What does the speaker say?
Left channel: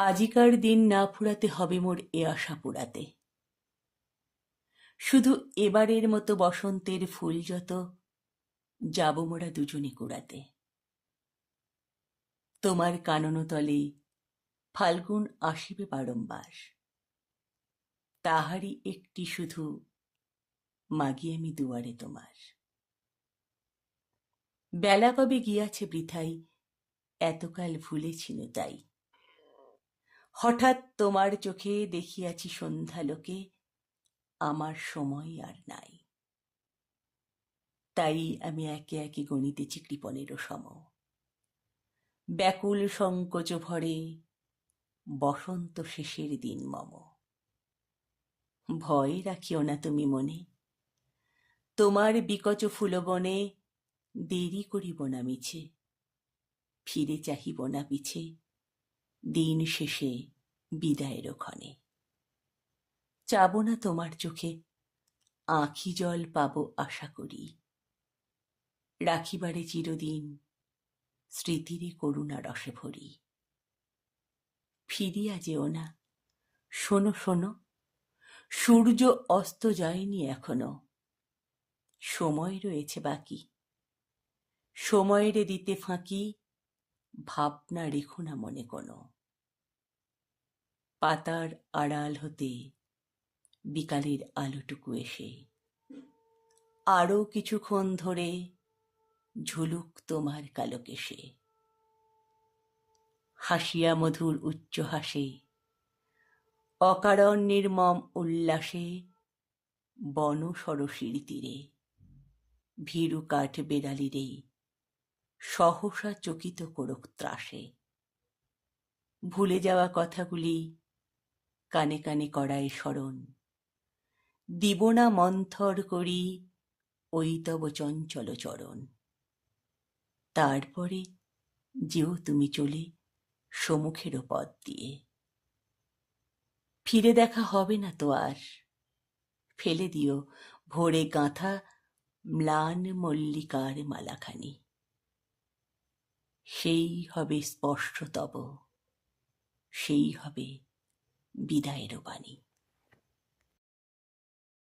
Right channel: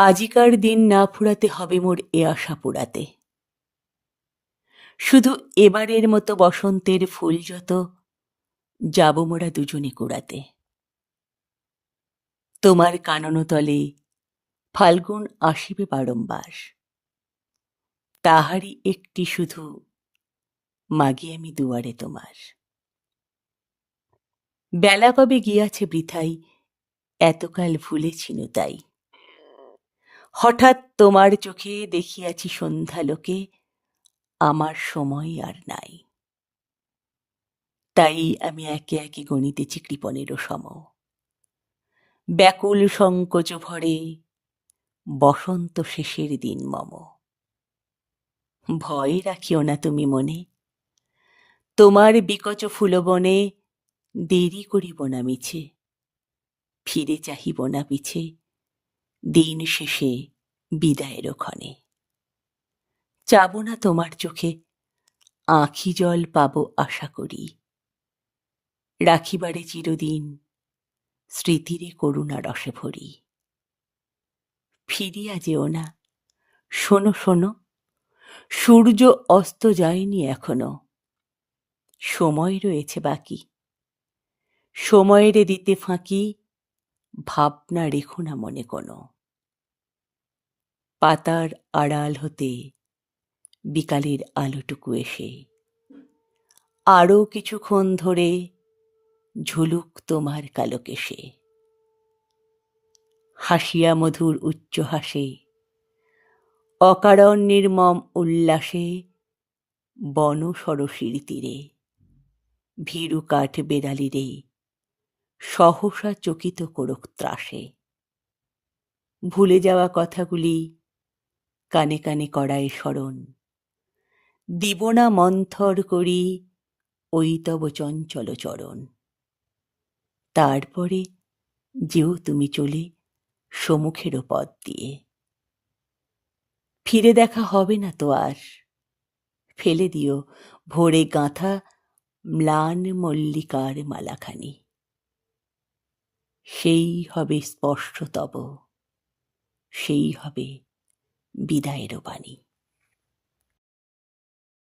আজিকার দিন না ফুরাতে হবে মোর এ আশা পুরাতে। শুধু এবারের মতো বসন্তের ফুল যত যাব মোরা দুজনে কুড়াতে। তোমার কাননতলে ফাল্গুন আসিবে বারংবার, তাহারই একটি শুধু মাগি আমি দুয়ারে তোমার। বেলা কবে গিয়াছে বৃথাই, এতকাল ভুলেছিনু তাই। হঠাৎ তোমার চোখে দেখিয়াছি সন্ধ্যালোকে, আমার সময় আর নাই। তাই আমি একে একে গণিতেছি কৃপণেরও সম। ব্যাকুল সংকোচ ভরে বসন্ত শেষের দিন মম। ভয় রাখিও না তুমি মনে, তোমার বিকচ ফুলবনে দেরি করিব না মিছে। ফিরে চাহিব না পিছে দিন শেষে বিদায়ের ক্ষণে। চাব না তোমার চোখে আঁখি জল পাব আশা করি, রাখিবারে চিরদিন স্মৃতিরে করুণা রসে ভরি। ফিরিয়া যেও না, শোনো শোনো, সূর্য অস্ত যায়নি এখনো, সময় রয়েছে বাকি। সময়ের দিতে ফাঁকি, ভাবনা রেখো না মনে কোনো। পাতার আড়াল হতে বিকালের আলোটুকু এসে আরো কিছুক্ষণ ধরে ঝুলুক তোমার কালো কেশে। হাসিয়া মধুর উচ্চ হাসে, অকারণ নির্মম উল্লাসে বন সরসীর তীরে। ভীরু কাঠ বেড়ালিরে সহসা চকিত করুক ত্রাসে। ভুলে যাওয়া কথাগুলি কানে কানে করায় স্মরণ, দিব না মন্থর করি ওই তব চঞ্চল চরণ। তারপরে যেও তুমি চলে সমুখেরও পথ দিয়ে, ফিরে দেখা হবে না তো আর। ফেলে দিও ভোরে গাঁথা ম্লান মল্লিকার মালাখানি, সেই হবে স্পষ্ট তব, সেই হবে বিদায়েরও বাণী।